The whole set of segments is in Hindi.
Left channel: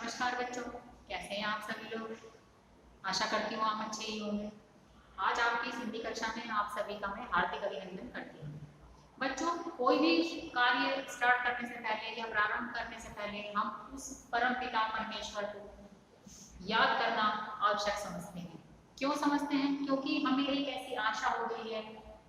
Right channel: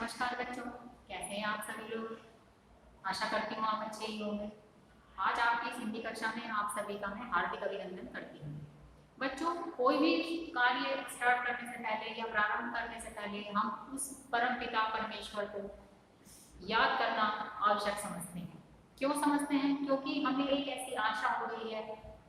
नमस्कार बच्चों, कैसे हैं आप सभी लोग। आशा करती हूँ आप अच्छे ही होंगे। आज आपकी इस हिंदी कक्षा में आप सभी का मैं हार्दिक अभिनंदन करती हूँ। बच्चों, कोई भी कार्य स्टार्ट करने से पहले या प्रारंभ करने से पहले हम उस परम पिता परमेश्वर को याद करना आवश्यक समझते हैं। क्यों समझते हैं? क्योंकि हमें एक ऐसी आशा हो गई है,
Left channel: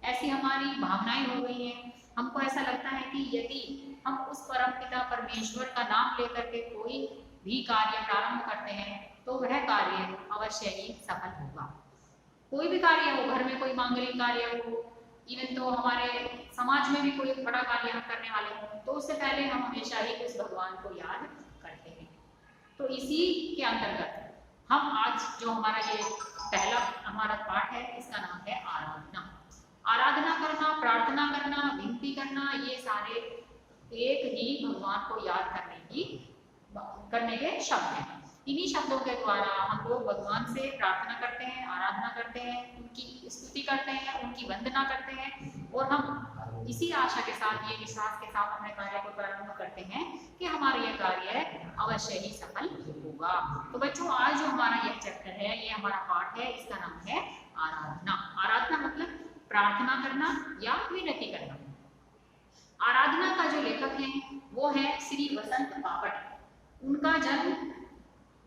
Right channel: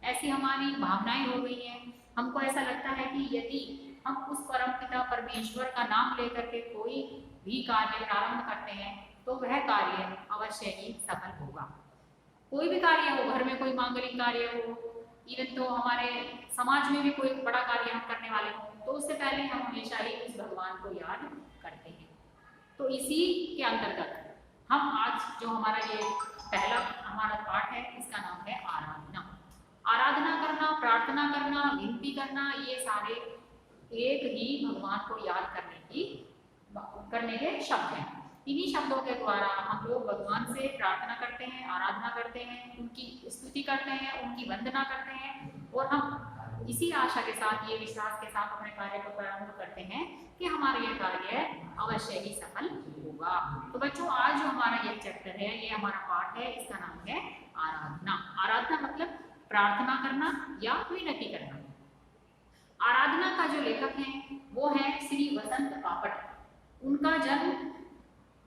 ऐसी हमारी भावनाएं हो गई हैं। हमको ऐसा लगता है कि यदि हम उस परम पिता परमेश्वर का नाम लेकर के कोई भी कार्य प्रारंभ करते हैं तो वह कार्य अवश्य ही सफल होगा। कोई भी कार्य हो, घर में कोई मांगलिक कार्य हो, इवन तो हमारे समाज में भी कोई बड़ा कार्य हम करने वाले हों, तो उससे पहले हम हमेशा ही उस भगवान को याद करते हैं। तो इसी के अंतर्गत हम आज जो हमारा ये पहला हमारा पाठ है, इसका नाम है आराधना। आराधना करना, प्रार्थना करना, विनती करना, ये सारे एक ही भगवान को याद करने के शब्द हैं। इन्हीं शब्दों के द्वारा हम लोग भगवान से प्रार्थना करते हैं, आराधना करते हैं, उनकी स्तुति करते हैं, उनकी वंदना करते हैं और हम इसी आशा के साथ, ये विश्वास के साथ अपने कार्य को प्रारंभ करते हैं कि हमारा यह कार्य अवश्य ही सफल होगा। तो बच्चों, आज जो हमारा यह चैप्टर है, ये हमारा पाठ है, इसका नाम है आराधना। आराधना मतलब प्रार्थना करना या विनती करना। आराधना का जो लेखक है वो है श्री वसंत पापट। उनका जन्म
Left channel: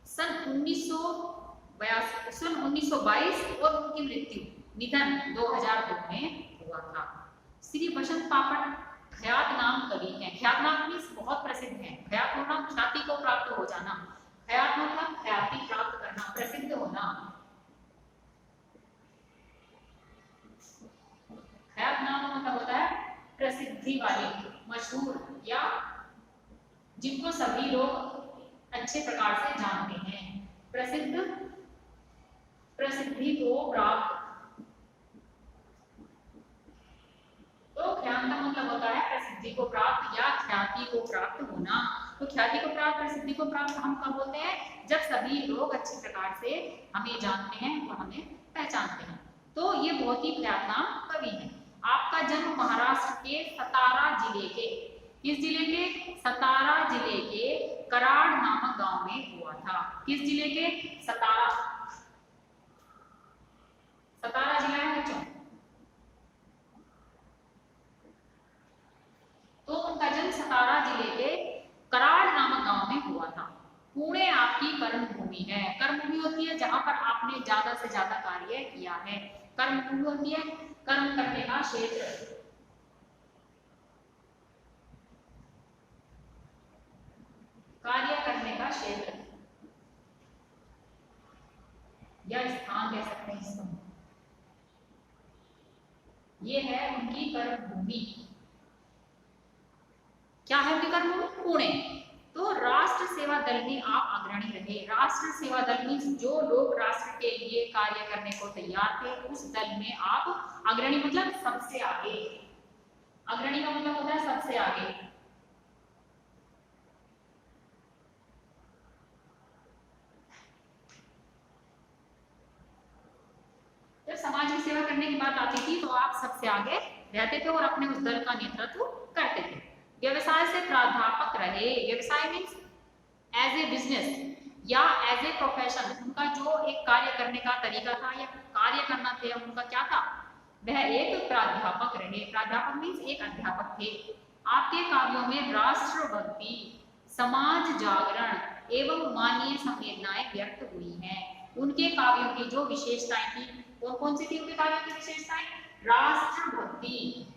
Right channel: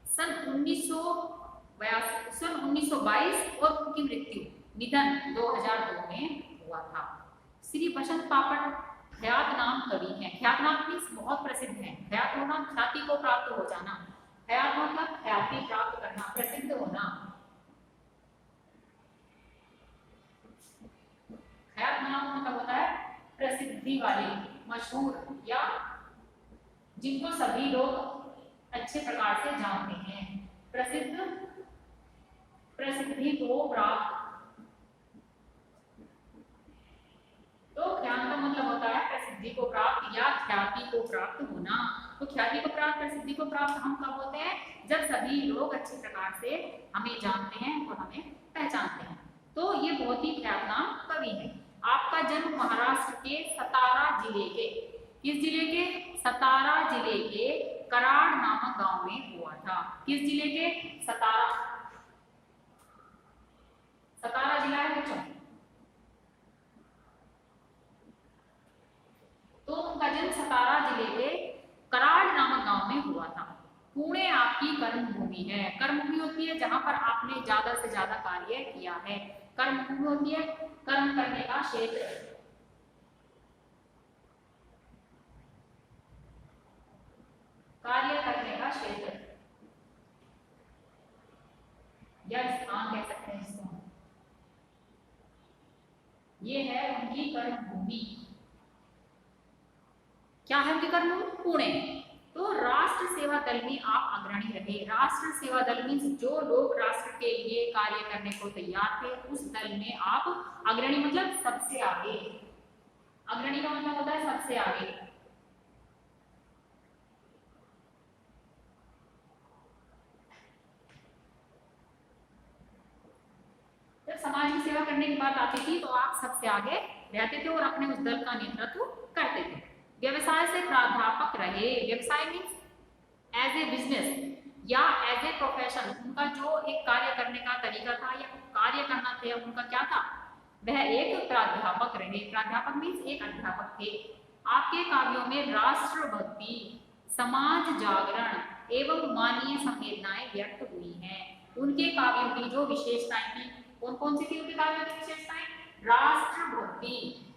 सन 1922 और उनकी मृत्यु निधन 2002 में हुआ था। श्री वसंत पापट ख्यात नाम कवि हैं। ख्यात नाम मीन्स बहुत प्रसिद्ध हैं। ख्यात होना ख्याति को प्राप्त हो जाना, ख्यात मतलब ख्याति प्राप्त करना, प्रसिद्ध होना। ख्यात नाम मतलब होता है प्रसिद्धि वाले, मशहूर, या जिनको सभी लोग अच्छे प्रकार से जानते हैं। प्रसिद्ध, प्रसिद्धि को प्राप्त। तो ख्यात का मतलब होता है प्रसिद्धि को प्राप्त या ख्याति को प्राप्त होना। तो ख्याति को प्राप्त, प्रसिद्धि को प्राप्त हम कब होते हैं? जब सभी लोग अच्छे प्रकार से हमें जानते हैं और हमें पहचानते हैं। तो ये बहुत ही ख्यातनाम कवि हैं। आपका जन्म महाराष्ट्र के सतारा जिले के, किस जिले के? सतारा जिले के कराड़ नामक गांव में हुआ था। किस जिले के? सतारा। सतारा जिला है बच्चों। तो उनका जन्म सतारा जिले के कराड़ नामक गांव में हुआ था। पुणे आपकी कर्म भूमि है। कर्म भूमि होती है जहां पर आपने ज्यादा से ज्यादा कार्य किया है। कर्म भूमि होती है कर्म करने का क्षेत्र, कार्य करने का क्षेत्र या स्थान कह सकते हैं इसको। ये है उनकी कर्म भूमि। क्या है उनकी कर्म भूमि? पुणे। तो राष्ट्र सेवा दल में आप अग्रणी रहे। राष्ट्र सेवा दल में जो लोग राष्ट्र के लिए कार्य करने को तैयार थे, उस दल में आप अग्रणी मतलब सबसे आगे। अग्रणी का मतलब होता है सबसे आगे। जब समाज की सेवा करने की बात आती थी तो आप सबसे आगे रहते थे और अपने उस दल का नेतृत्व करते थे। व्यवसाय से प्राध्यापक रहे। व्यवसाय मीन्स एज ए बिजनेस या एज ए प्रोफेशन। उनका जो एक कार्य करने का तरीका था या कार्य करना थे, उनका क्या था? वह एक प्राध्यापक रहे। प्राध्यापक मीन्स एक अध्यापक थे। आपके काव्यों में राष्ट्रभक्ति, समाज जागरण एवं मानवीय संवेदनाएं व्यक्त हुई हैं। उनके काव्यों की जो विशेषताएं थी, कौन कौन सी थी उनके काव्यों की विशेषताएं? राष्ट्रभक्ति,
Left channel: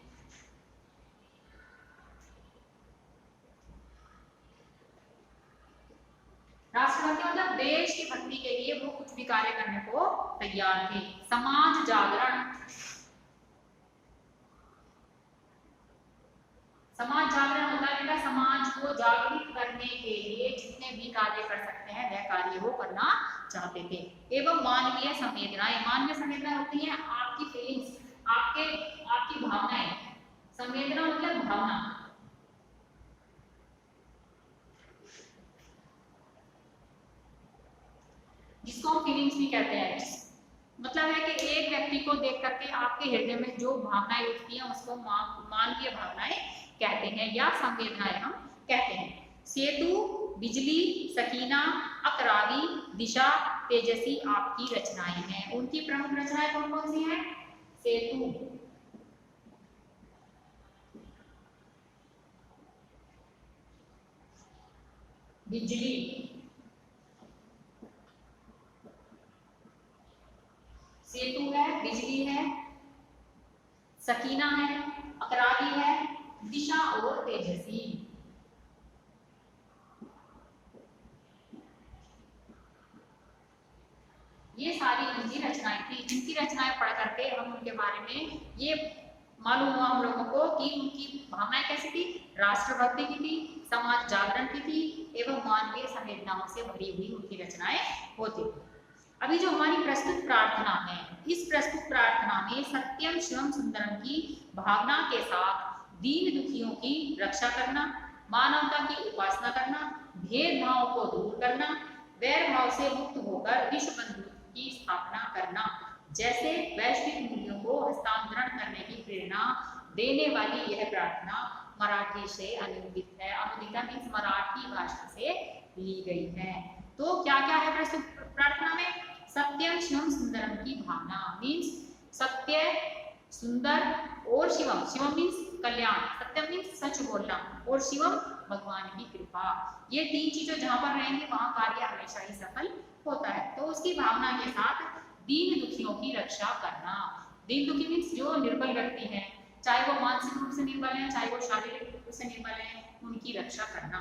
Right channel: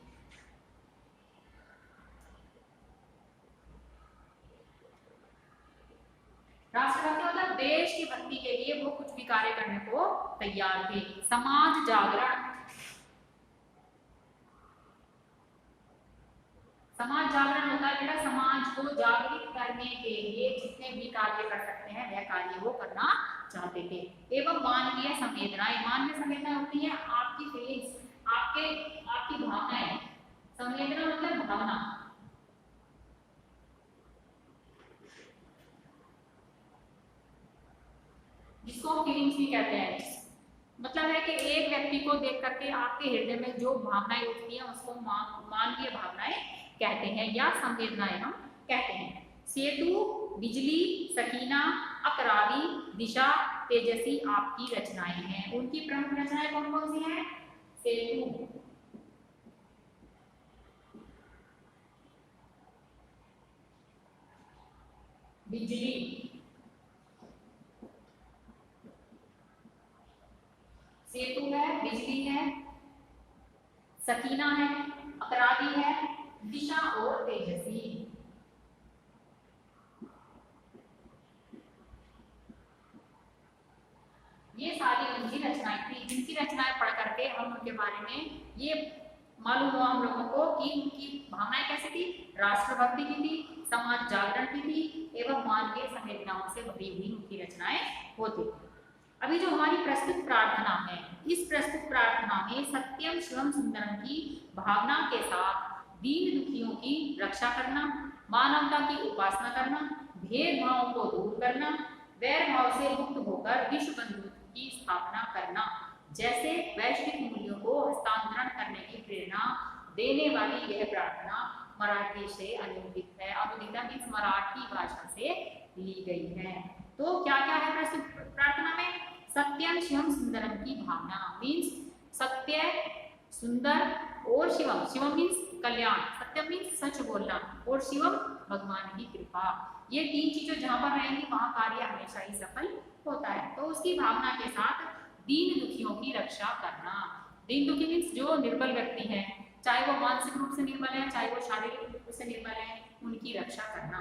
राष्ट्रभक्ति मतलब देश की भक्ति के लिए वो कुछ भी कार्य करने को तैयार थे। समाज जागरण, समाज जागरण होता है बेटा समाज को जागृत करने के लिए जितने भी कार्य कर सकते हैं वह कार्य वो करना चाहते थे। एवं मानवीय संवेदनाएं। मानवीय संवेदनाएं होती हैं आपकी फीलिंग्स, आपकी भावनाएं। संवेदना मतलब भावना। जिसको हम फीलिंग्स भी कहते हैं। मतलब है कि एक व्यक्ति को देख करके आपके हृदय में जो भावनाएं उठती हैं उसको मानवीय भावनाएं कहते हैं या संवेदनाएं हम कहते हैं। सेतु बिजली, सकीना, अकरावी, दिशा, तेजसी आपकी रचनाएं हैं। उनकी प्रमुख रचनाएं कौन कौन सी हैं? सेतु, बिजली, सेतु है, बिजली है, सकीना है, अकरावी है, दिशा और तेजसी। ये सारी उनकी रचनाएं थी, जिनकी रचनाएं पढ़ करके हम उनके बारे में ये मालूम हुआ हम लोगों को कि उनकी भावनाएं कैसी थी, राष्ट्रभक्ति की थी, समाज जागरण की थी एवं मानवीय संवेदनाओं से भरी हुई उनकी रचनाएं होती थी। अभी जो हमारी प्रस्तुत प्रार्थना है, इस प्रस्तुत प्रार्थना में सत्यम शिवम सुंदरम की भावना के साथ दीन दुखियों की रक्षा करना, मानवता की उपासना करना, भेदभाव को दूर करना, वैर भाव से मुक्त होकर विश्व बंधुत्व की स्थापना करना जैसे वैश्विक मूल्यों को हस्तांतरण करने की प्रेरणा देने वाली यह प्रार्थना मराठी से अनुदित है। अनुदित मीन्स मराठी भाषा से ली गई है। तो क्या क्या है प्रस्तुत प्रार्थना में? सत्यम शिवम सुंदरम की भावना मीन्स सत्य, सुंदर और शिवम, शिवम मीन्स कल्याण, सत्यम मीन्स सच बोलना और शिवम भगवान की कृपा। ये तीन चीजें जहां पर रहेंगी वहां कार्य हमेशा ही सफल होता है। तो उसकी भावना के साथ दीन दुखियों की रक्षा करना। दीन दुखी मीन्स जो निर्बल व्यक्ति है, चाहे वो मानसिक रूप से निर्बल है, चाहे वो शारीरिक रूप से निर्बल है, उनकी रक्षा करना।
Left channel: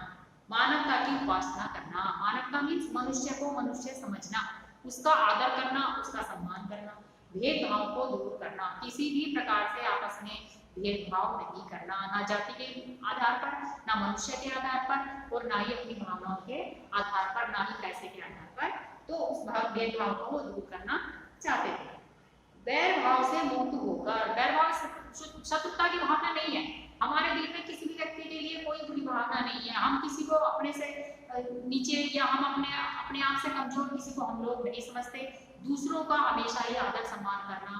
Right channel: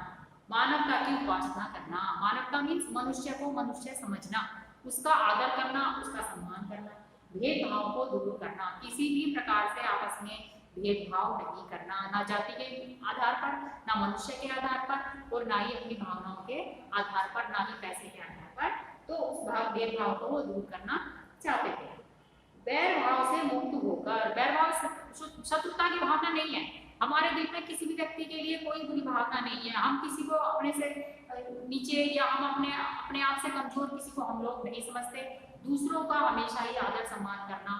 मानवता की उपासना करना, मानवता मीन्स मनुष्य को मनुष्य समझना, उसका आदर करना, उसका सम्मान करना, भेदभाव को दूर करना, किसी भी प्रकार से आपस में भेदभाव नहीं करना, ना जाति के आधार पर, ना मनुष्य के आधार पर और ना ही अपनी भावनाओं के आधार पर, ना ही पैसे के आधार पर। तो उस भेदभाव को वो दूर करना चाहते थे। वैर भाव से मुक्त होकर, वैर भाव शत्रुता की भावना नहीं है हमारे दिल में, किसी भी व्यक्ति के लिए कोई बुरी भावना नहीं है, हम किसी को अपने से नीचे या हम अपने आप से कमजोर किसी को हम लोग नहीं समझते। दूसरों का हमेशा ही आदर सम्मान करना,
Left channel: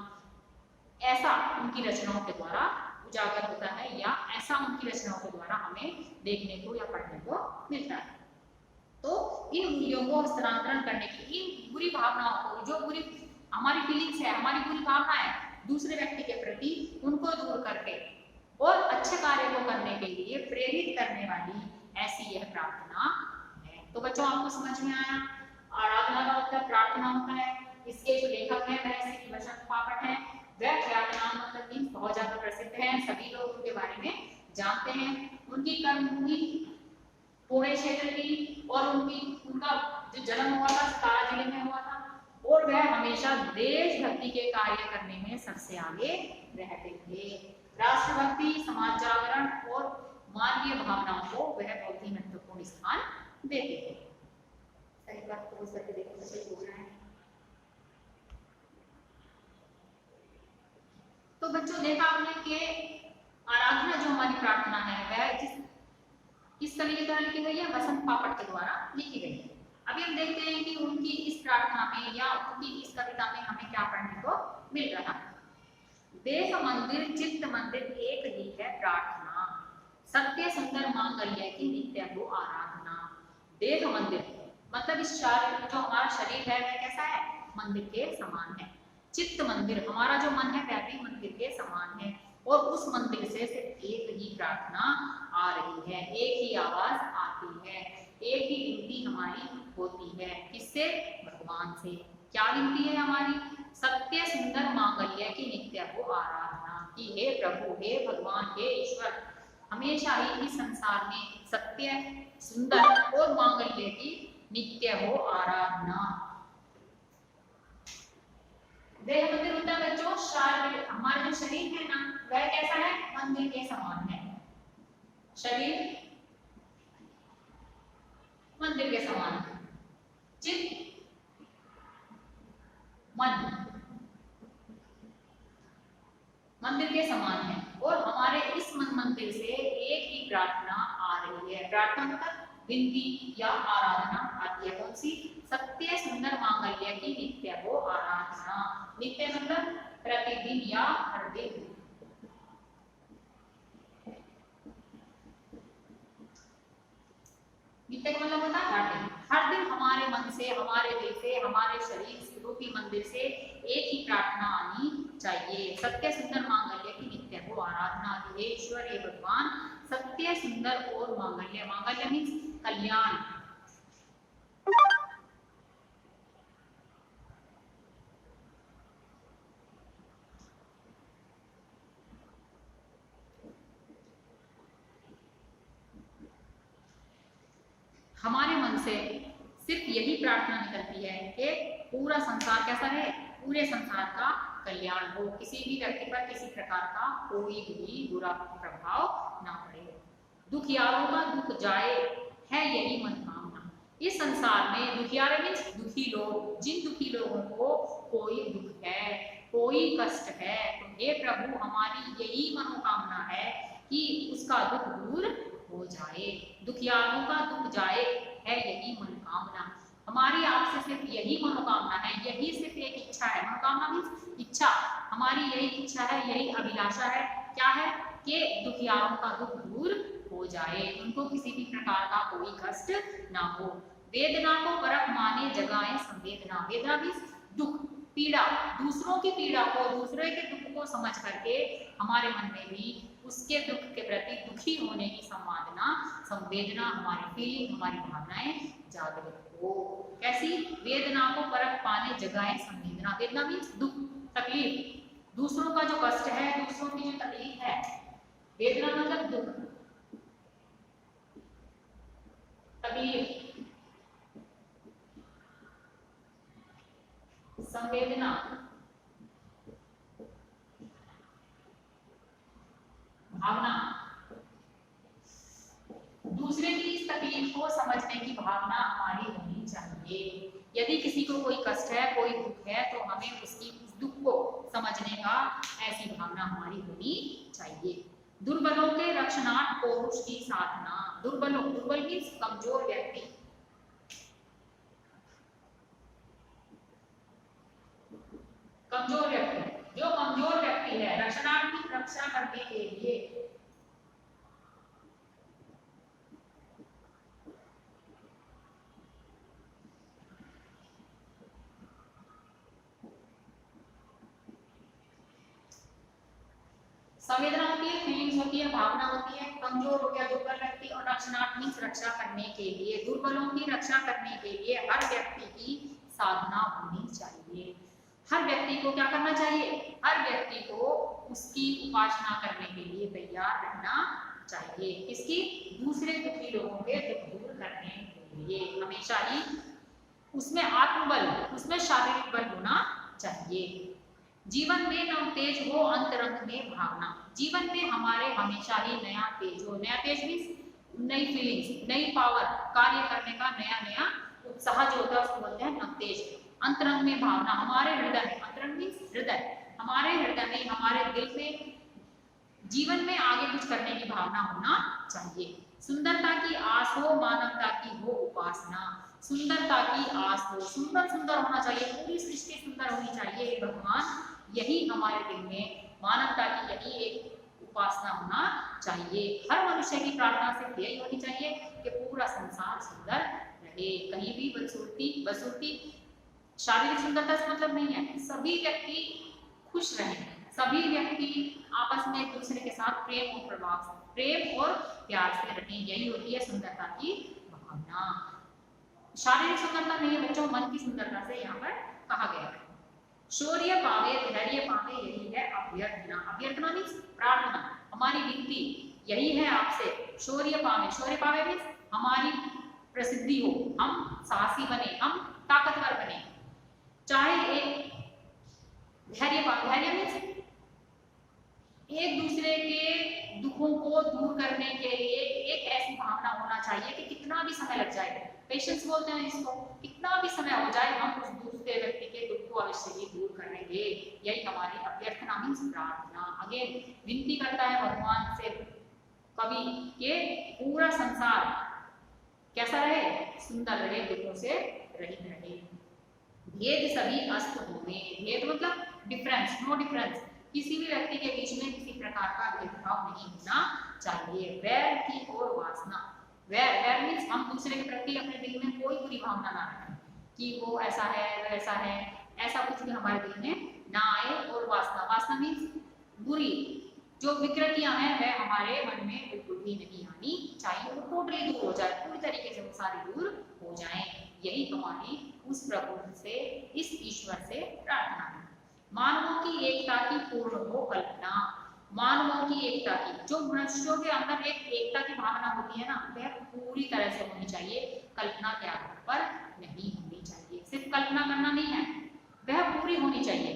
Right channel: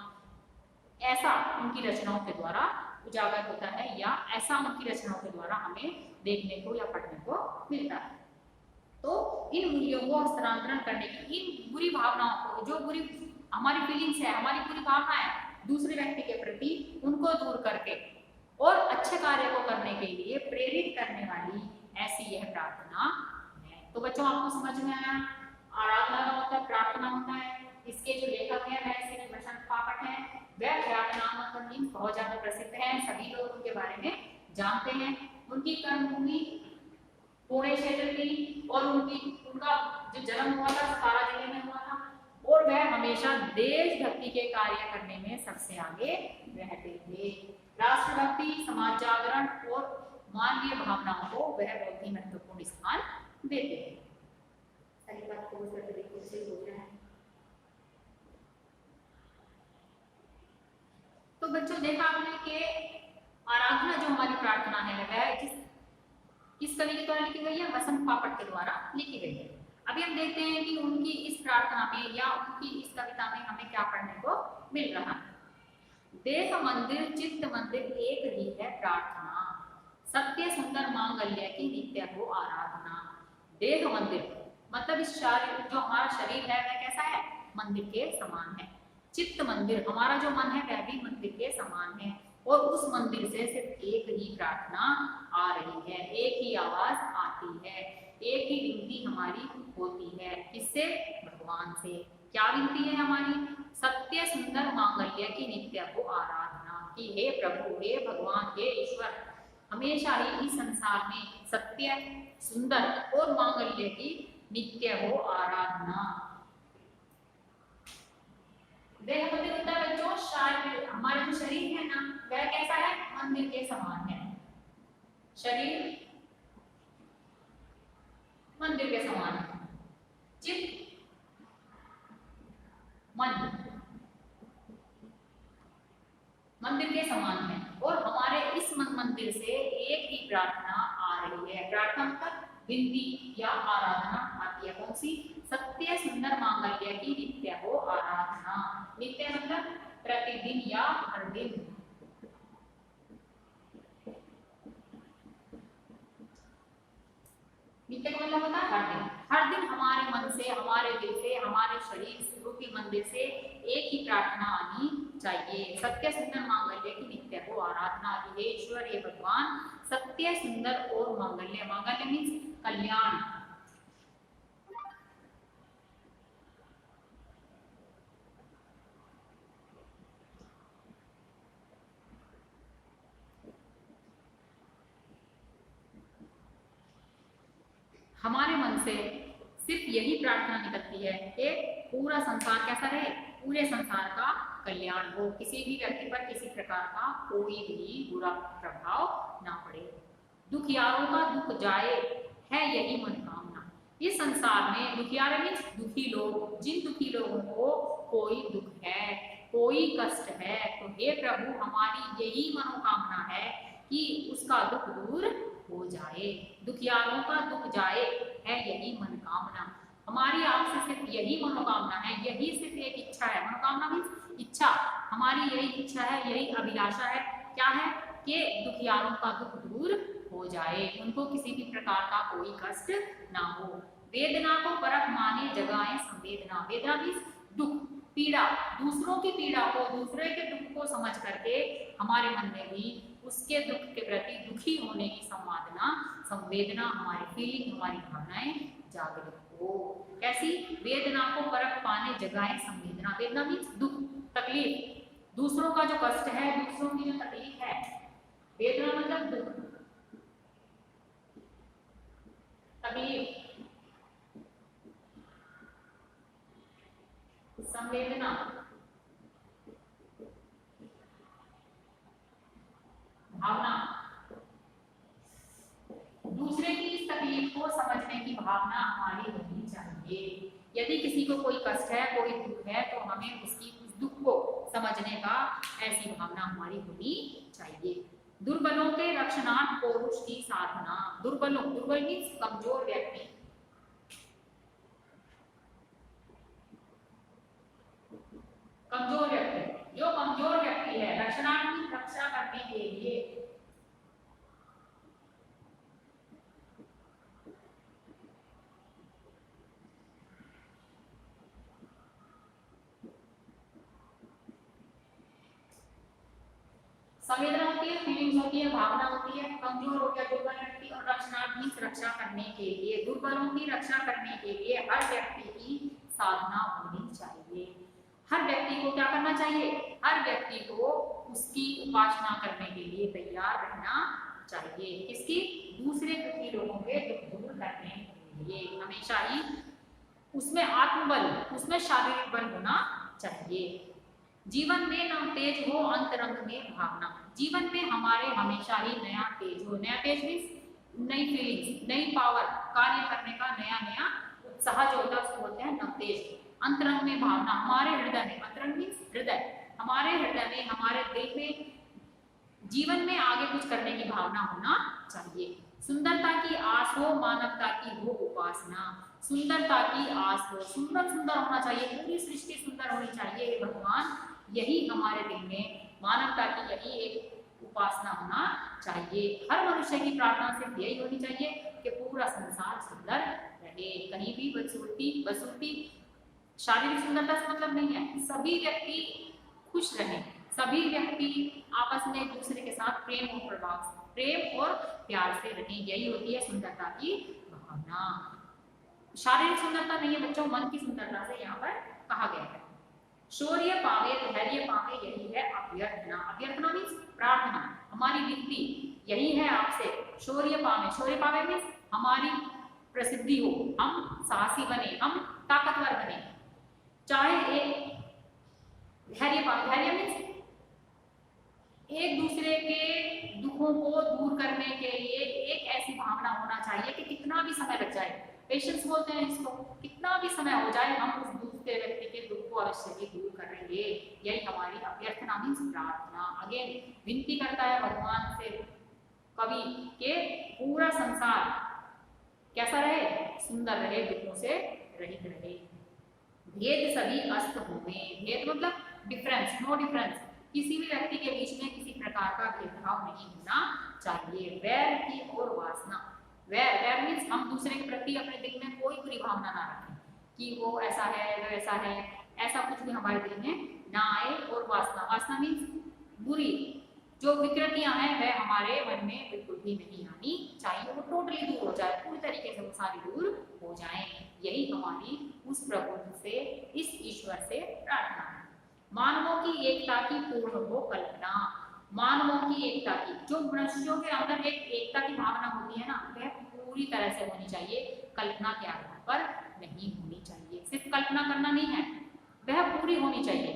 ऐसा उनकी रचनाओं के द्वारा उजागर होता है या ऐसा उनकी रचनाओं के द्वारा हमें देखने को या पढ़ने को मिलता है। तो इन मूल्यों को हस्तांतरण करने की, इन बुरी भावनाओं को, जो बुरी हमारी फीलिंग्स है, हमारी बुरी भावना है दूसरे व्यक्ति के प्रति, उनको दूर करके और अच्छे कार्य को करने के लिए प्रेरित करने वाली ऐसी यह प्रार्थना है। तो बच्चों आपको समझ में आया, आराधना का मतलब प्रार्थना होता है। इसके जो लेखक हैं वह श्री वसंत पापट हैं। वह ख्यातनाम मतलब मीन्स बहुत ज्यादा प्रसिद्ध है, सभी लोग उनके बारे में जानते हैं। उनकी कर्मभूमि पुणे क्षेत्र की और उनका जो जन्म हुआ था सतारा जिले में हुआ था और वह हमेशा देशभक्ति के कार्य करने में सबसे आगे रहते थे। राष्ट्रभक्ति, समाज जागरण और मानवीय भावनाओं को वह बहुत ही महत्वपूर्ण स्थान देते थे। सही बात को करके देखो तो सही बोल रहे हैं। तो बच्चों देखा आपने कि आराधना जो हमारी प्रार्थना है वह किस कवि के द्वारा लिखी गई है? वसंत पापट के द्वारा लिखी गई है। अभी हम देखते हैं कि उनकी इस प्रार्थना में या उनकी इस कविता में हमें क्या पढ़ने को मिल रहा है। देह मंदिर चित्त मंदिर एक ही है प्रार्थना, सत्य सुंदर मांगल्य की नित्य हो आराधना। देह मंदिर मतलब इस शरीर, जो हमारा शरीर है वह कैसा है? मंदिर के समान है। चित्त मंदिर, हमारा जो मन है वह भी मंदिर के समान है और उस मंदिर से सिर्फ एक ही प्रार्थना आ रही है, एक ही आवाज आती है, एक ही विनती हमारी होती है। किससे? भगवान से। क्या विनती है हमारी? सत्य सुंदर मांगल्य की नित्य हो आराधना कि हे प्रभु, हे भगवान, हे ईश्वर, हमेशा ही इस संसार में सत्य, सुंदर और मांगल्य की नित्य हो आराधना। देह मंदिर होता है बच्चों शारीर, हमारा जो शरीर है ना वह कैसा है? मंदिर के समान है। शरीर मंदिर के समान है, चित्त मन मंदिर के समान है और हमारे इस मंदिर से एक ही प्रार्थना आ रही है। प्रार्थना मतलब विनती या आराधना आती है। कौन सी? सत्य सुंदर मांगल्य की नित्य हो आराधना। नित्य मतलब प्रतिदिन या हर दिन। नित्य का मतलब से, हमारे दिल से, हमारे शरीर रूपी मंदिर से एक ही प्रार्थना आनी चाहिए, सत्य सुंदर मांगल्य की नित्य हो आराधना की। हे ईश्वर, हे भगवान, सत्य सुंदर और मांगल्य, मांगल्य मीन्स कल्याण। हमारे मन से सिर्फ यही प्रार्थना निकलती है कि पूरा संसार कैसा रहे, पूरे संसार का कल्याण हो, किसी भी व्यक्ति पर किसी प्रकार का कोई भी बुरा प्रभाव ना पड़े, दुखियारों का दुख जाए, है यही मनोकामना। इस संसार में दुखियारे मीन्स दुखी लोग, जिन दुखी लोगों को कोई दुख है, कोई कष्ट है, तो हे प्रभु हमारी यही मनोकामना है कि उसका दुख दूर हो जाए, दुखियारों का दुख जाए, है यही मनोकामना। हमारी आपसे सिर्फ यही मनोकामना है, यही सिर्फ एक इच्छा है। मनोकामना मीन्स इच्छा, हमारी यही इच्छा है, यही अभिलाषा है। क्या है? कि दुखियारों का दुख दूर हो जाए, उनको किसी भी प्रकार का कोई कष्ट ना हो। वेदना को परख माने जगाए संवेदना। वेदना मीन्स दुख, पीड़ा, दूसरों की पीड़ा को, दूसरे के दुख को समझ करके हमारे मन में भी उसके दुख के प्रति दुखी होने की संवेदना, संवेदना, हमारी फीलिंग, हमारी भावनाएं जागृत हो। कैसी? वेदना को परख पाने जगाए संवेदना। वेदना मीन्स दुख, तकलीफ, दूसरों का जो कष्ट है, दूसरों की जो तकलीफ है, वेदना मतलब दुख, तकलीफ, संवेदना, भावना, दूसरे की इस तकलीफ को समझने की भावना हमारी होनी चाहिए। यदि किसी को कोई कष्ट है, कोई दुख है, तो हमें उसकी उस दुख को समझने का ऐसी भावना हमारी होनी चाहिए। दुर्बलों के रक्षणार्थ पौरुष की साधना। दुर्बलों, दुर्बल मीन्स कमजोर व्यक्ति, कमजोर व्यक्ति, जो कमजोर व्यक्ति है, रक्षणार्थ मीन्स रक्षा करने के लिए, संवेदना होती है, फीलिंग्स होती है, भावना होती है। कमजोर हो गया दुर्बल व्यक्ति, और रक्षणार्थ मीन्स रक्षा करने के लिए, दुर्बलों की रक्षा करने के लिए हर व्यक्ति की साधना होनी चाहिए। हर व्यक्ति को क्या करना चाहिए? हर व्यक्ति को उसकी उपासना करने के लिए तैयार रहना चाहिए। किसकी? दूसरे दुखी लोगों के दुख दूर करने के लिए हमेशा ही उसमें आत्मबल, उसमें शारीरिक बल होना चाहिए। जीवन में नव तेज हो अंतरंग में भावना। जीवन में हमारे हमेशा ही नया तेज हो। नया तेज मीन्स नई फीलिंग्स, नई पावर, कार्य करने का नया नया उत्साह जो होता है उसको बोलते हैं नव तेज। अंतरंग में भावना, हमारे हृदय में, अंतरंग मीन्स हृदय, हमारे हृदय में, हमारे दिल में जीवन में आगे कुछ करने की भावना होना चाहिए। सुंदरता की आस हो, मानवता की हो उपासना। सुंदरता की आस हो, सुंदर सुंदर होना चाहिए, पूरी सृष्टि सुंदर होनी चाहिए। हे भगवान, यही हमारे दिल में मानवता की यही एक उपासना होना चाहिए। हर मनुष्य की प्रार्थना सिर्फ यही होनी चाहिए कि पूरा संसार सुंदर रहे, कहीं भी बदसूरती, बदसूरती शारीरिक सुंदरता से मतलब नहीं है, सभी व्यक्ति खुश रहें, सभी व्यक्ति आपस में एक दूसरे के साथ प्रेम और प्रभाव, प्रेम और प्यार से रहें, यही होती है सुंदरता की भावना। शारीरिक सुंदरता नहीं है बच्चों, मन की सुंदरता से यहाँ पर कहा गया है। शौर्य पावे, धैर्य पावे, यही है अभ्यर्थना। अभ्यर्थना मीन्स प्रार्थना, हमारी विनती यही है आपसे। शौर्य पावे, शौर्य पावे मीन्स हमारी प्रसिद्धि हो, हम साहसी बने, हम ताकतवर बने। चाहे एक धैर्य पावे, धैर्य मीन्स एक दूसरे के दुखों को दूर करने के लिए एक ऐसी भावना होना चाहिए कि कितना भी समय लग जाए, पेशेंस बोलते हैं इसको, कितना भी समय हो जाए हम उस दूसरे व्यक्ति के दुख को अवश्य ही दूर करेंगे। यही हमारी अभ्यर्थना मीन्स प्रार्थना। अगेन विनती करता है भगवान से कवि के पूरा संसार कैसा रहे, सुंदर रहे, दुखों से रहित रहे। भेद सभी अस्त होवे, भेद मतलब डिफरेंस, नो डिफरेंस, किसी भी व्यक्ति के बीच में किसी प्रकार का भेदभाव नहीं होना चाहिए। वैर की और वासना, वैर, वैर मीन्स हम दूसरे के प्रति अपने दिल में कोई बुरी भावना ना रखें, कि वो ऐसा है, वो ऐसा है, ऐसा कुछ भी हमारे दिल में ना आए। और वासना, वासना मीन्स बुरी जो विकृतियां हैं वह हमारे मन में बिल्कुल भी नहीं आनी चाहिए, वो टोटली दूर हो जाए, पूरी तरीके से वो सारी दूर हो जाए। यही हमारी उस प्रभु से, इस ईश्वर से प्रार्थना है। मानवों की एकता की पूर्ण हो कल्पना, मानवों की एकता की, जो मनुष्यों के अंदर एक एकता की भावना होती है ना, वह पूरी तरह से होनी चाहिए, कल्पना के आधार पर नहीं होनी चाहिए। सिर्फ कल्पना करना नहीं है, वह पूरी होनी चाहिए।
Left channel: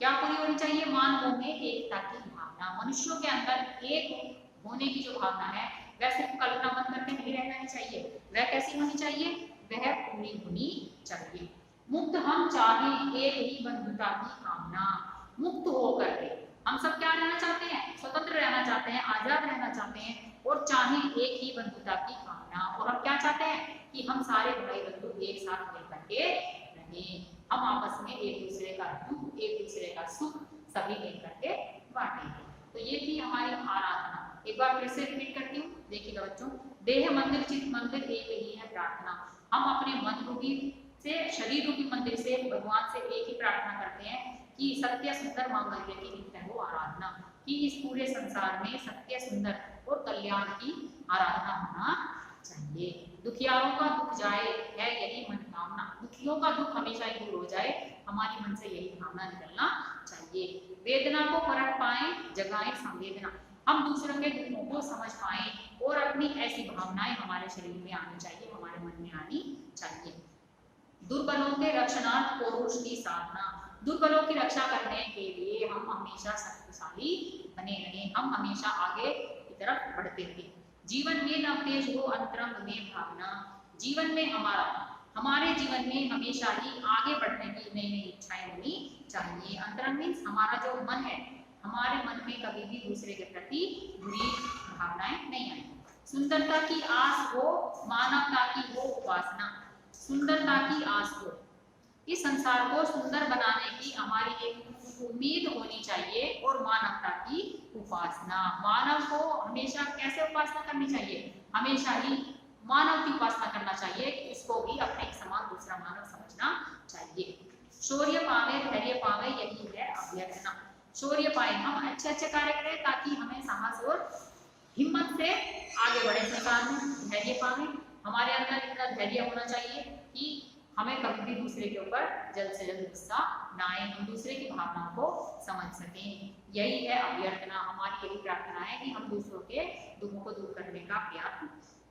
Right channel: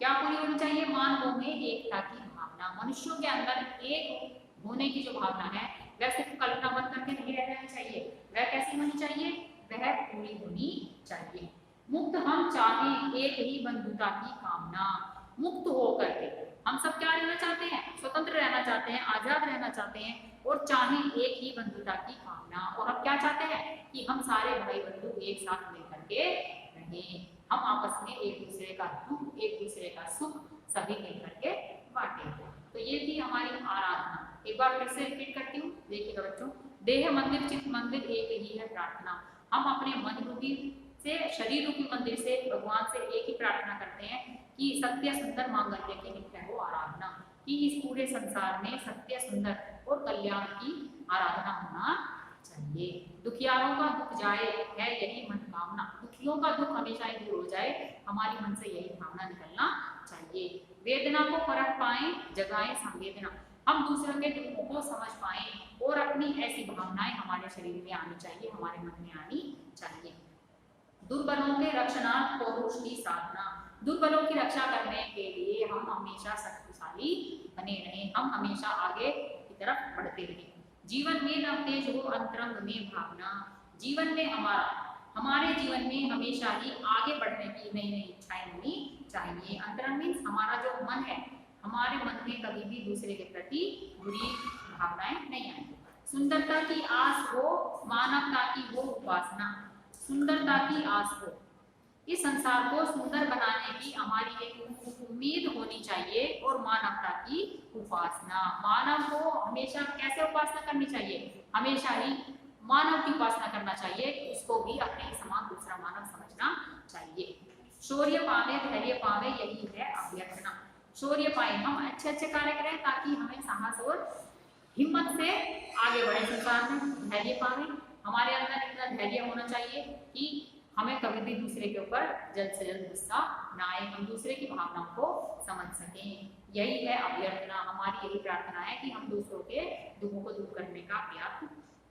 क्या पूरी होनी चाहिए? मानवों में एकता की भावना, मनुष्यों के अंदर एक होने की जो भावना है वह सिर्फ कल्पना बन करके नहीं रह जानी चाहिए। वह कैसी होनी चाहिए? वह पूरी होनी चाहिए। मुक्त हम चाहें एक ही बंधुता की कामना, मुक्त होकर के हम सब क्या रहना चाहते हैं? स्वतंत्र रहना चाहते हैं, आजाद रहना चाहते हैं, और चाहें एक ही बंधुता की कामना। और हम क्या चाहते हैं? कि हम सारे भाई बंधु एक साथ मिलकर के रहें, हम आपस में एक दूसरे का दुख, एक दूसरे का सुख सभी मिलकर के बांटेंगे। तो ये थी हमारी आराधना। एक बार फिर से रिपीट करती हूँ, देखिएगा बच्चों। देह मंदिर चित्त मंदिर एक ही है प्रार्थना। हम अपने मन रूपी से, शरीर रूपी मंदिर से भगवान से एक ही प्रार्थना करते हैं कि सत्य सुंदर मांगल्य की नित्य हो आराधना, कि इस पूरे संसार में सत्य सुंदर और कल्याण की आराधना होना चाहिए। दुखियारों का दुख जाए है यही मनोकामना, दुखियों का दुख हमेशा ही दूर हो जाए, हमारी मन से यही भावना निकलना चाहिए। वेदना को परख पाए जगाए संवेदना, हम दूसरों के दुखों को समझ पाए और अपनी ऐसी भावनाएं हमारे शरीर में आनी चाहिए, हमारे मन में आनी चाहिए। दुर्बलों के रक्षणार्थ पौरुष की साधना, दुर्बलों की रक्षा करने के लिए हम हमेशा शक्तिशाली बने रहें, हम हमेशा आगे की तरफ बढ़ते रहें। जीवन में न तेज हो अंतरंग में भावना, जीवन में हमारे जीवन में हमेशा ही आगे बढ़ने की नई नई इच्छाएं होनी चाहिए। अंतरंग मीन्स हमारा जो मन है, हमारे मन में कभी भी दूसरे के प्रति बुरी भावनाएं नहीं आएंगी। सुंदरता की आस हो, मानवता की हो उपासना, सुंदरता की आस हो, इस संसार को सुंदर बनाने की हमारी एक उम्मीद होनी चाहिए, और मानवता की उपासना, मानव को हमेशा कैसे उपासना करनी चाहिए? हमेशा ही मानव की उपासना करना चाहिए, उसको भी अपने समान दूसरा मानव समझना चाहिए। शौर्य पावे धैर्य पावे यही है अभ्यर्थना, शौर्य पाए, हम अच्छे अच्छे कार्य करें ताकि हमें साहस और हिम्मत से आगे बढ़े संसार में। धैर्य पावे, हमारे अंदर इतना धैर्य होना चाहिए कि हमें कभी भी दूसरे के ऊपर जल्द से जल्द गुस्सा ना आए, हम दूसरे की भावनाओं को समझ सकें। यही है अभ्यर्थना, हमारी यही प्रार्थना है कि हम दूसरों के दुखों को दूर करने का प्रयास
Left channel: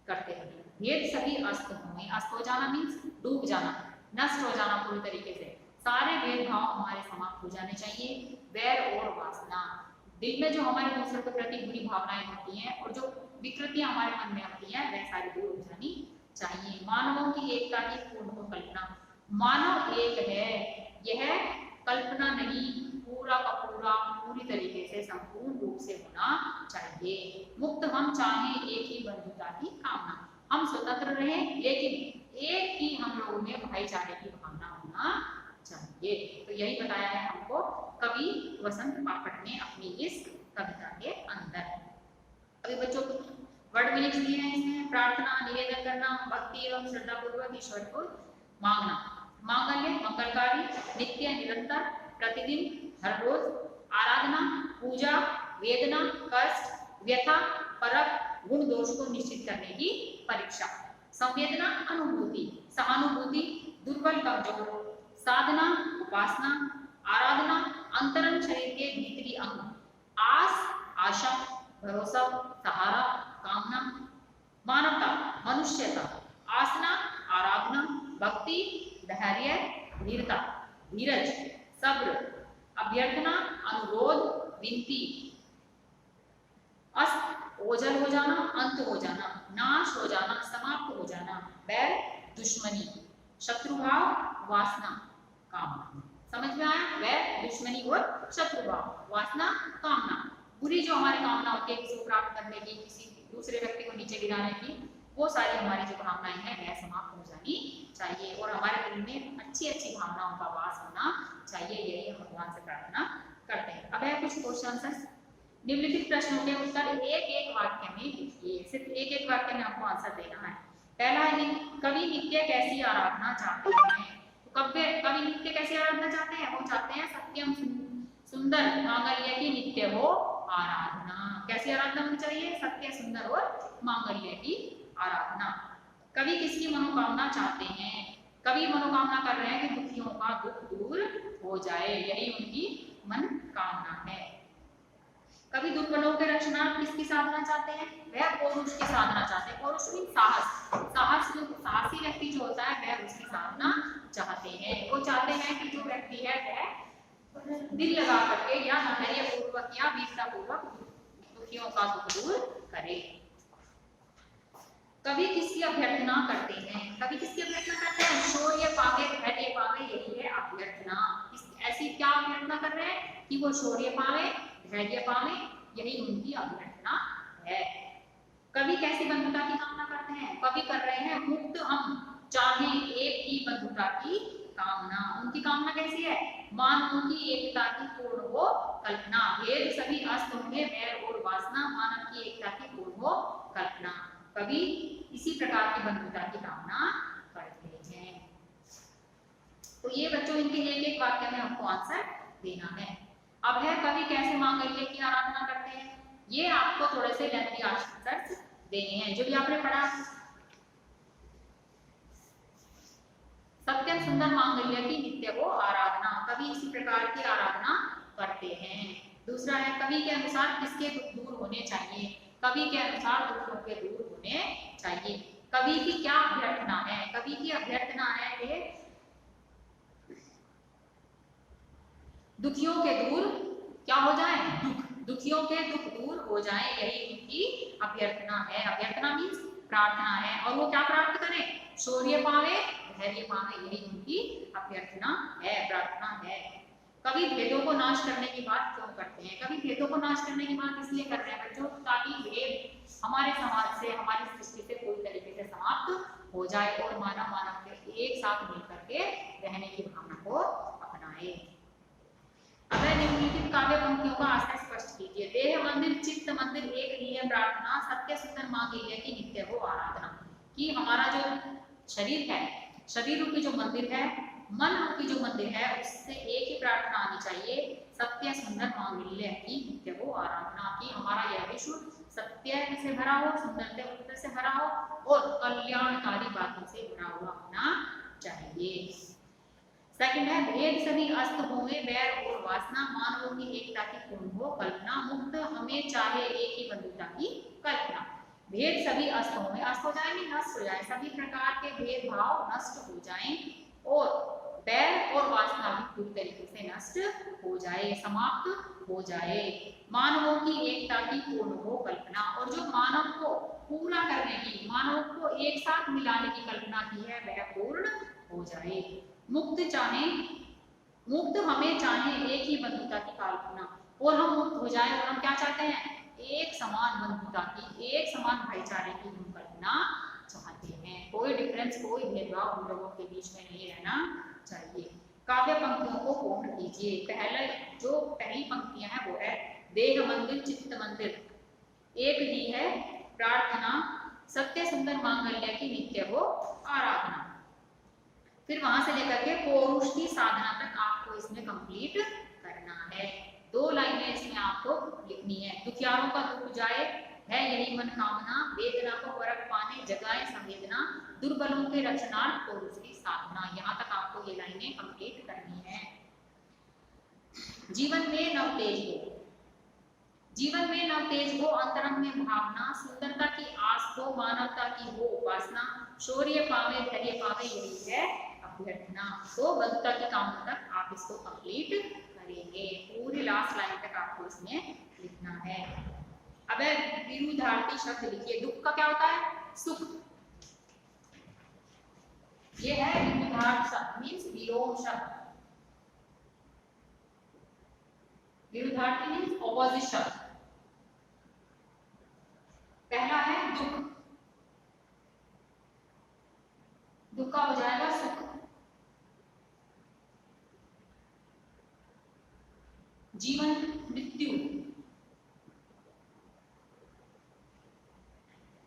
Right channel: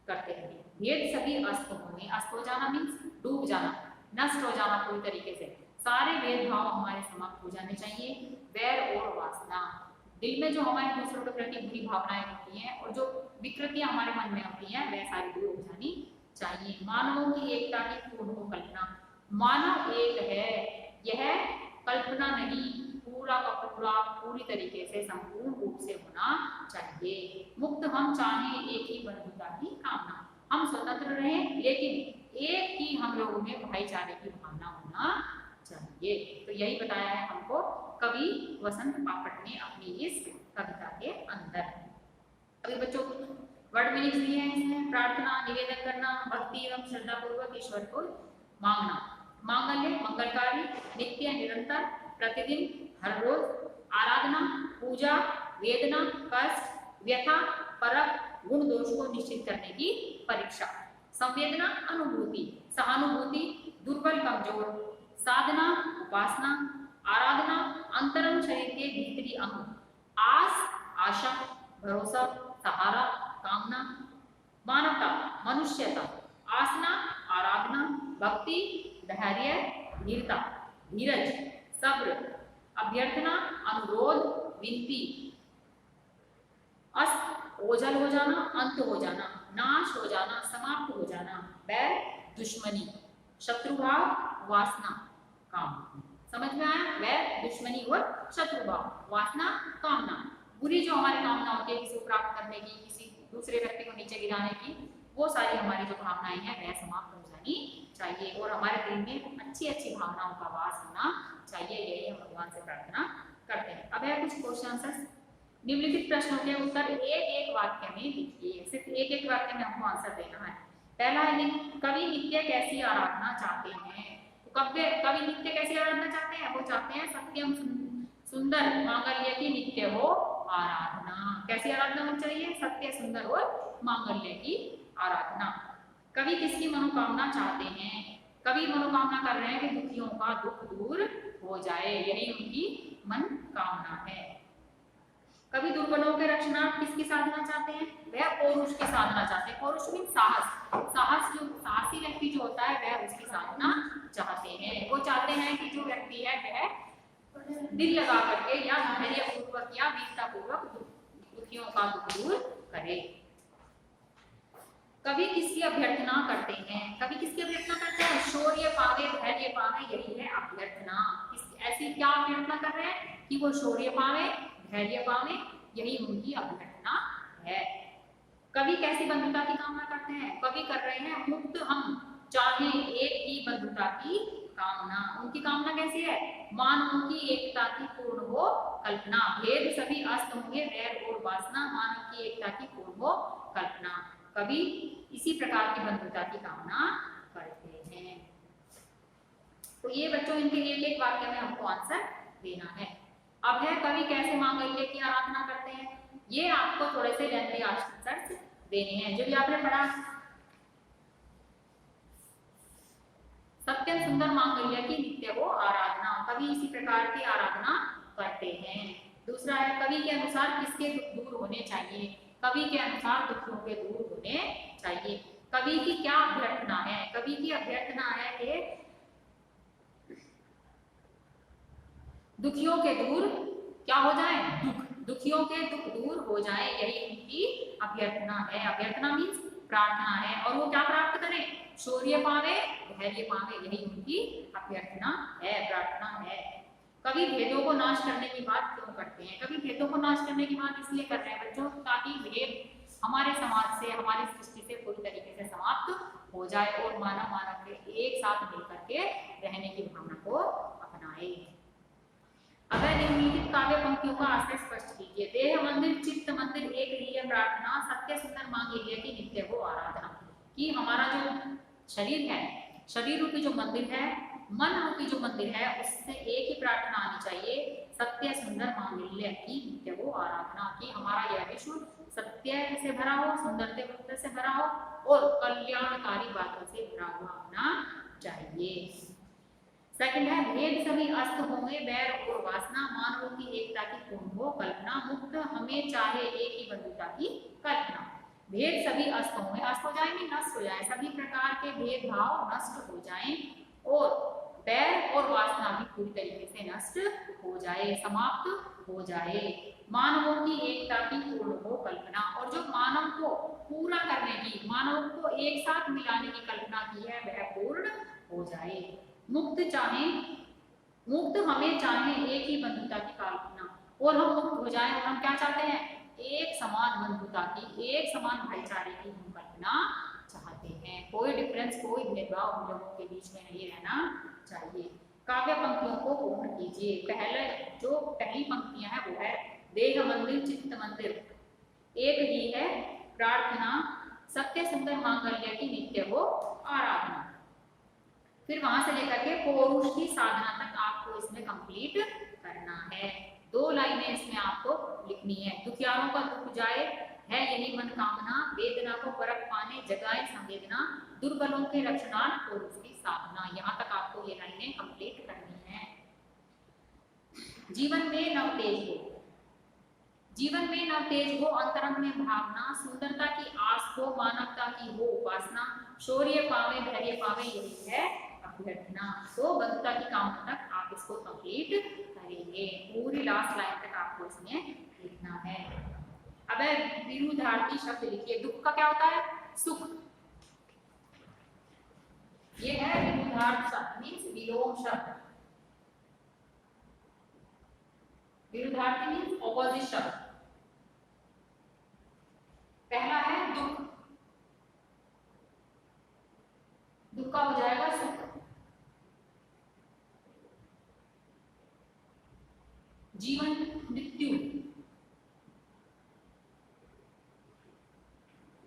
करते रहें। भेद सभी अस्त हों, अस्त हो जाना मीन्स डूब जाना, नष्ट हो जाना पूरी तरीके से, सारे भेदभाव हमारे समाप्त हो जाने चाहिए। वैर और वासना, दिल में जो हमारे दूसरों के प्रति बुरी भावनाएं होती हैं और जो विकृतियां हमारे मन में होती हैं वह सारी दूर हो जानी चाहिए। मानवों की एकता की पूर्ण हो कल्पना, मानव एक है यह कल्पना नहीं, पूरा का पूरा पूरी तरीके से संपूर्ण रूप से होना चाहिए। मुक्त हम चाहें एक ही बंधुता की कामना, हम स्वतंत्र रहें लेकिन एक ही हम लोगों में भाईचारे की भावना होना चाहिए। तो यही बताया है हमको कवि वसंत बापट ने अपनी इस कविता के अंदर। अभी बच्चों को वर्ड मीनिंग्स दिए हैं इसमें। प्रार्थना, निवेदन करना, भक्ति एवं श्रद्धा पूर्वक ईश्वर को मांगना, मांगल्य मंगलकारी, नित्य निरंतर, प्रतिदिन, हर रोज, आराधना, पूजा, वेदना, कष्ट, व्यथा, परख, गुण दोष को निश्चित करने की परीक्षा, संवेदना अनुभूति, सहानुभूति, दुर्बल कमजोर, साधना उपासना, आराधना अंतरंग शरीर के भीतरी अंग, आस आशा, भरोसा सहारा, कामना, मानवता मनुष्यता, आसना आराधना, भक्ति धैर्य वीरता, धीरज सब्र, अभ्यर्थना अनुरोध विनती, अस्त ओझल हो जाना, अंत हो जाना, नाश हो जाना, समाप्त हो जाना, बैर दुश्मनी, शत्रुभाव वासना कामना। समझ में आया? वैर दुश्मनी और शत्रुभाव, वासना कामना, बुरी जो हमारी कामना होती है किसी को प्राप्त करने की, किसी दूसरे व्यक्ति को नीचे गिराने की, वो सारी हमारी जो भावनाएं हैं वह समाप्त हो जानी चाहिए और हमारे दिल में अच्छी अच्छी भावनाओं का वास होना चाहिए। यही हम भगवान से प्रार्थना करते हैं। अब है कुछ क्वेश्चन आंसर। निम्नलिखित प्रश्नों के उत्तर एक एक वाक्य में लिखिए। सिर्फ एक एक वाक्य में आपको आंसर देना है। पहला है कवि नित्य कैसी आराधना चाहते हैं। तो कवि नित्य कैसी आराधना चाहते हैं? वो चाहते हैं सत्यम सुंदर मांगल्य की नित्य हो आराधना। कैसी आराधना होनी चाहिए? सत्य, सुंदर और मांगल्य की आराधना। कवि किसकी मनोकामना चाहते हैं? कवि मनोकामना कर रहे हैं कि दुखियों का दुख दूर हो जाए, यही उनकी मन कामना है। कवि दुर्बलों के रक्षणार्थ किसकी साधना चाहते हैं? वह पौरुष की साधना चाहते हैं। पौरुष मीन साहसी व्यक्ति जो होता है वह उसकी साधना चाहते हैं। वो चाहते हैं कि जो व्यक्ति है वह दिल लगा करके या धैर्य पूर्वक या वीरता पूर्वक दुखियों का दुख दूर करे। कवि किसकी अभ्यर्थना करते हैं? कवि किसकी अभ्यर्थना करते हैं? शौर्य पावे, धैर्य पावे, यही है अभ्यर्थना। ऐसी क्या अभ्यर्थना कर रहे हैं कि वो शौर्य पावे, धैर्य पावे, यही उनकी अभ्यर्थना है। कवि कैसी बंधुता की कामना करते हैं? कवि कर रहे हैं मुक्त हम चाहे एक ही बंधुता की कामना। उनकी कामना कैसी है? मानवों की एकता की पूर्ण हो कल्पना, भेद सभी अस्त होंगे वैर और वासना, मानव की एकता की पूर्ण हो कल्पना। कवि इसी प्रकार की बंधुता की कामना करते हैं। तो ये बच्चों इनके एक वाक्य में आपको आंसर देना है। अब है कवि कैसे मांगल्य की आराधना करते हैं। ये आपको थोड़े से लेंथी आंसर्स देने हैं जो भी आपने पढ़ा। सत्य सुंदर मांगल्य की नित्य हो आराधना, कवि इसी प्रकार की आराधना करते हैं। दूसरा है कवि के अनुसार किसके दुख दूर होने चाहिए? कवि के अनुसार दुखों के दूर होने चाहिए। कवि की क्या अभ्यर्थना है? कवि की अभ्यर्थना है कि दुखियों के दूर क्या हो जाए? दुखियों के दुख दूर हो जाए, यही उनकी अभ्यर्थना है। अभ्यर्थना मीन्स प्रार्थना है। और वो क्या प्राप्त करें? शौर्य पावे, धैर्य पावे, यही उनकी अभ्यर्थना है, प्रार्थना है। कवि भेदों को नाश करने की बात क्यों करते हैं? कवि भेदों को नाश करने की बात इसलिए कर रहे हैं बच्चों ताकि भेद हमारे समाज से, हमारी सृष्टि से पूरी तरीके से समाप्त हो जाए और मानव के एक साथ मिलकर के रहने की भावना को अपनाए। अगर निम्नलिखित काव्य पंक्तियों का आशय स्पष्ट कीजिए। देह मंदिर चित्त मंदिर एक ही है प्रार्थना, सत्य सुंदर मांगल्य की नित्य हो आराधना। कि हमारा जो शरीर है, शरीर रूपी जो मंदिर है, मन रूपी जो मंदिर है, उससे एक ही प्रार्थना आनी चाहिए, सत्य सुंदर मांगल्य की नित्य हो आराधना। कि हमारा यह विश्व सत्य से भरा हो, सुंदरता से भरा हो और कल्याणकारी बातों से भरा हुआ होना चाहिए। सेकंड है भेद सभी अस्त होवे वैर और वासना, मानवों की एकता की पूर्ण हो कल्पना, मुक्त हमें चाहे एक ही बंधुता की कल्पना। भेद सभी अस्त होवे, अस्त हो जाए नहीं नष्ट हो जाए, सभी प्रकार के भेदभाव नष्ट हो जाएं और वैर और वासना भी पूरी तरीके से नष्ट हो जाए, समाप्त हो जाए। मानवों की एकता की पूर्ण हो कल्पना, और जो मानव को पूरा करने की, मानव को एक साथ मिलाने की कल्पना की है वह पूर्ण हो जाए। मुक्त हमें चाहे एक ही बंधुता की कल्पना, और हम मुक्त हो जाएं और हम क्या चाहते हैं? एक समान बंधुता की, एक समान भाईचारे की हम कल्पना चाहते हैं। कोई डिफरेंस, कोई भेदभाव हम लोगों के बीच में नहीं रहना चाहिए। काव्य पंक्तियों को पूर्ण कीजिए। पहली पंक्तियां हैं वो है देह मंदिर चित्त मंदिर एक ही है प्रार्थना, सत्य सुंदर मांगल्य की नित्य हो आराधना। फिर वहां से लेकर के पौरुष की साधना तक आपको इसमें कंप्लीट करना है। 2 लाइनें इसमें आपको लिखनी है। दुखियारों का दुख जाए है यही मन कामना, वेदना को परख पाने जगाए संवेदना, दुर्बलों के रक्षणार्थ पौरुष की साधना। यहाँ तक आपको ये लाइनें कंप्लीट करनी है। जीवन में नवतेज हो, जीवन में नवतेज हो अंतरंग में भावना, सुंदरता की आस हो मानवता की हो उपासना, शौर्य पावे धैर्य पावे यही है अभ्यर्थना। तो बंधुता की कामना तक आप इसको कंप्लीट करेंगे। पूरी लास्ट लाइन तक आपको इसमें लिखना है। अब विरुद्धार्थी शब्द लिखिए। दुख का क्या होता है? सुख। ये है विरुद्धार्थ शब्द मींस विलोम शब्द। विरुद्धार्थी मींस ऑपोजिट शब्द। पहला है दुख, दुख का हो जाएगा सुख। जीवन मृत्यु,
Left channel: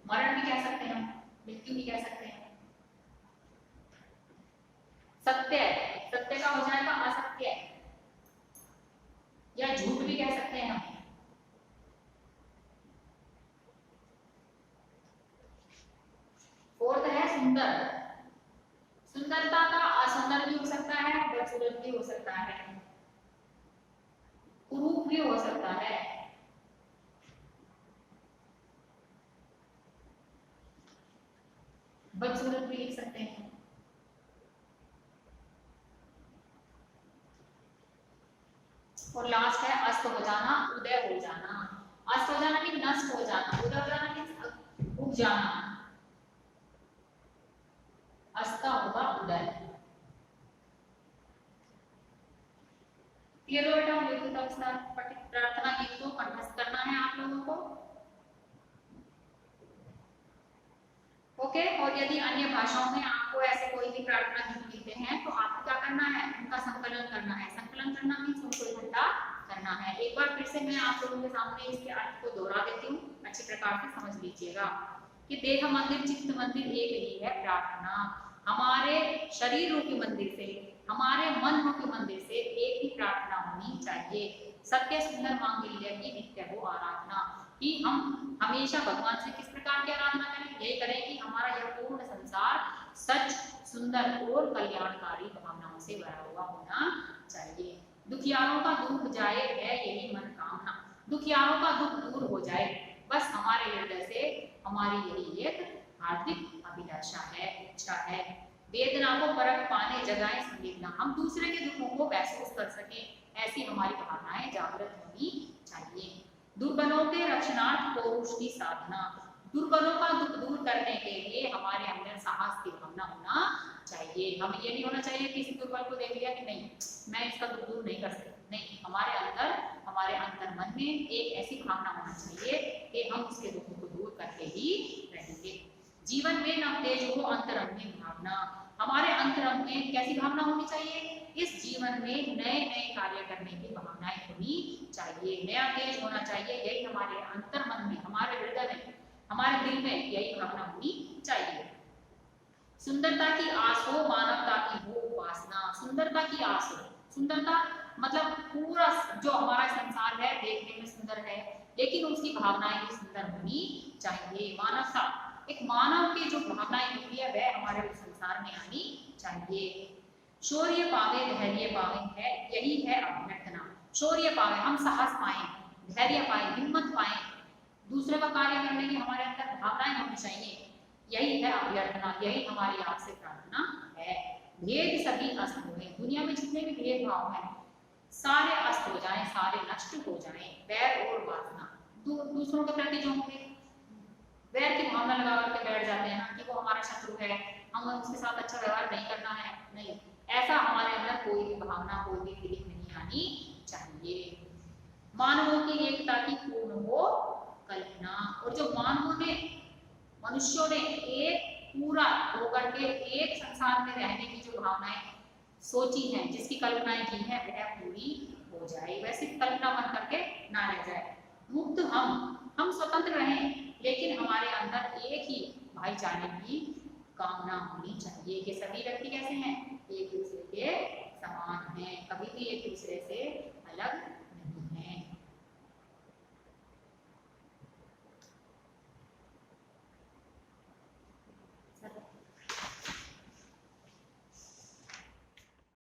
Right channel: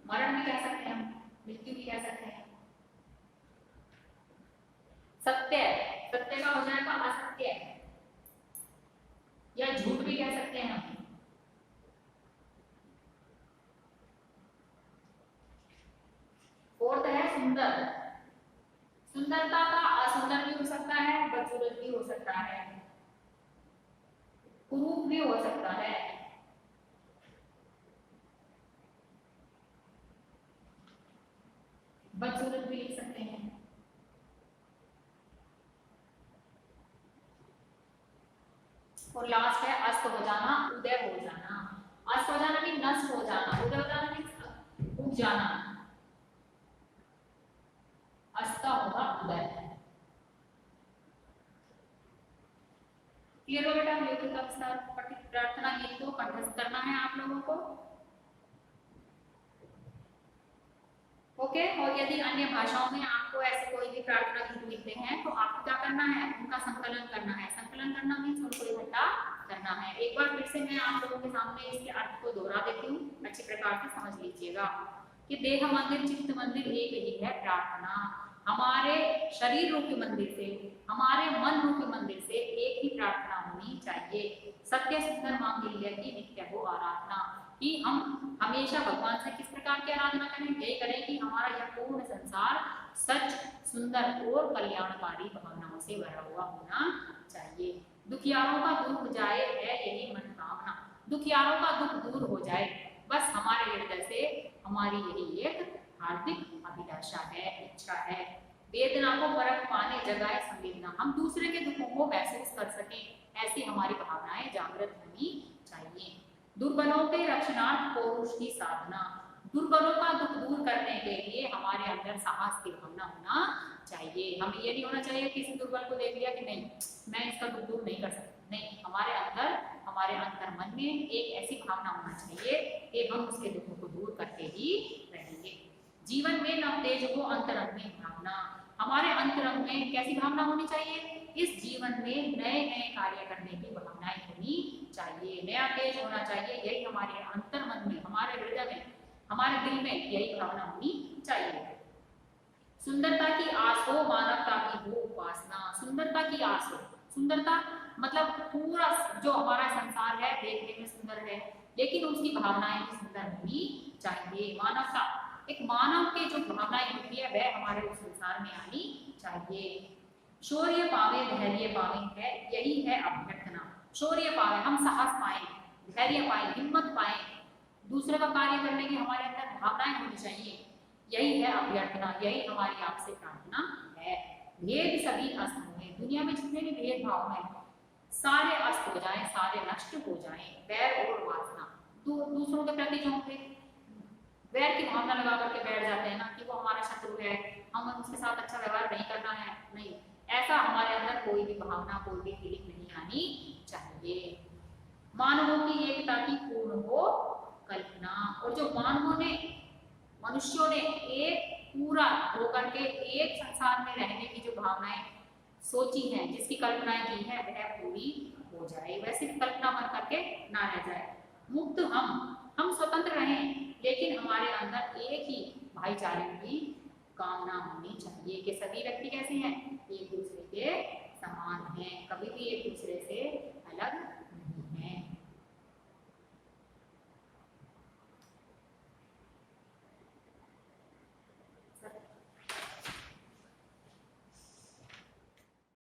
मरण भी कह सकते हैं हम, मृत्यु भी कह सकते हैं। सत्य, सत्य का हो जाएगा असत्य, या झूठ भी कह सकते हैं हम। फोर्थ है सुंदर। सुंदरता का असुंदर भी हो सकता है, बदसूरत भी हो सकता है, कुरूप भी हो सकता है। बदसूरत भी लिख सकते हैं। और लास्ट है अस्त हो जाना, उदय हो जाना। अस्त हो जाना मीन नष्ट हो जाना, उदय हो जाना मीन उग जाना। अस्त होगा उदय। ये लो बेटा, प्रार्थना गीत को कंठस्थ करना है आप लोगों को। ओके। और यदि अन्य भाषाओं में आपको ऐसे कोई भी प्रार्थना गीत मिलते हैं तो आपको क्या करना है, उनका संकलन करना है। संकलन करना मीन्स उनको इकट्ठा करना है। एक बार फिर से मैं आप लोगों के सामने इसके अर्थ को दोहरा देती हूँ, अच्छी प्रकार से समझ लीजिएगा कि देह मंदिर चित्त मंदिर एक ही है प्रार्थना। हमारे शरीर रूपी मंदिर से, हमारे मन रूपी मंदिर से एक ही प्रार्थना होनी चाहिए। सत्य सुंदर मांगल्य की नित्य हो आराधना, कि हम हमेशा भगवान से किस प्रकार की आराधना करें, यही करें कि हमारा यह पूर्ण संसार सच, सुंदर और कल्याणकारी भावनाओं से भरा हुआ होना चाहिए। दुखियारों का दुख जाए है यही मन कामना, दुखियारों का दुख दूर हो जाए, बस हमारे हृदय से हमारी यही एक हार्दिक अभिलाषा है, इच्छा है। वेदना को परख पाने जगाए संवेदना, हम दूसरे के दुखों को महसूस कर सकें, ऐसी हमारी भावनाएं जागृत होनी चाहिए। दुर्बलों के रक्षणार्थ पौरुष की साधना, दुर्बलों का दुख दूर करने के लिए हमारे अंदर साहस की भावना होना चाहिए। हमें ये नहीं होना चाहिए किसी दुर्बल को देख लिया कि नहीं मैं इसका दुख दूर नहीं कर सकती, नहीं, हमारे अंदर, हमारे अंतर मन में एक ऐसी भावना होना चाहिए कि हम उसके दुखों को दूर करके ही रहेंगे। जीवन में नव तेज हो अंतरंग में भावना, हमारे अंतरंग में कैसी भावना होनी चाहिए, इस जीवन में नए नए कार्य करने की भावनाएं होनी चाहिए, नया तेज होना चाहिए। यही हमारे अंतर मन में, हमारे हृदय में, हमारे दिल में यही भावना होनी चाहिए। सुंदरता की आस हो मानवता की हो उपासना, सुंदरता की आस हो, सुंदरता मतलब पूरा जो हमारा संसार है देखने में सुंदर है, लेकिन उसकी भावनाएं भी सुंदर होनी चाहिए। मानवता, एक मानव की जो भावनाएं होती है वह हमारे उस संसार में आनी चाहिए। शौर्य पावे धैर्य पावे है, यही है अभ्यर्थना। शौर्य पावे, हम साहस पाए, धैर्य पाए, हिम्मत पाए, दूसरे का कार्य करने की हमारे अंदर भावनाएं होनी चाहिए, यही है अभ्यर्थना, यही हमारी आपसे प्रार्थना है। भेद सभी अस्त हुए, दुनिया में जितने भी भेदभाव हैं सारे अस्त हो जाएं, सारे नष्ट हो जाएं। बैर और वासना, दूसरों के प्रति जो होंगे वैर की भावना लगा करके बैठ जाते हैं ना कि वो हमारा शत्रु है, हम उसके साथ अच्छा व्यवहार नहीं करना है, नहीं, ऐसा हमारे अंदर कोई भी भावना, कोई भी फीलिंग नहीं आनी चाहिए। मानवों की एकता की पूर्ण हो कल्पना, और जो मानवों ने, मनुष्यों ने एक पूरा होकर के एक संसार में रहने की जो भावनाएं सोची हैं, जिसकी कल्पनाएं की है वह पूरी हो जाए, वह सिर्फ कल्पना बन करके ना रह जाए। मुक्त हम स्वतंत्र रहें, लेकिन हमारे अंदर एक ही भाईचारे की कामना होनी चाहिए कि सभी व्यक्ति कैसे हैं, एक दूसरे के समान हैं, कभी भी एक दूसरे से अलग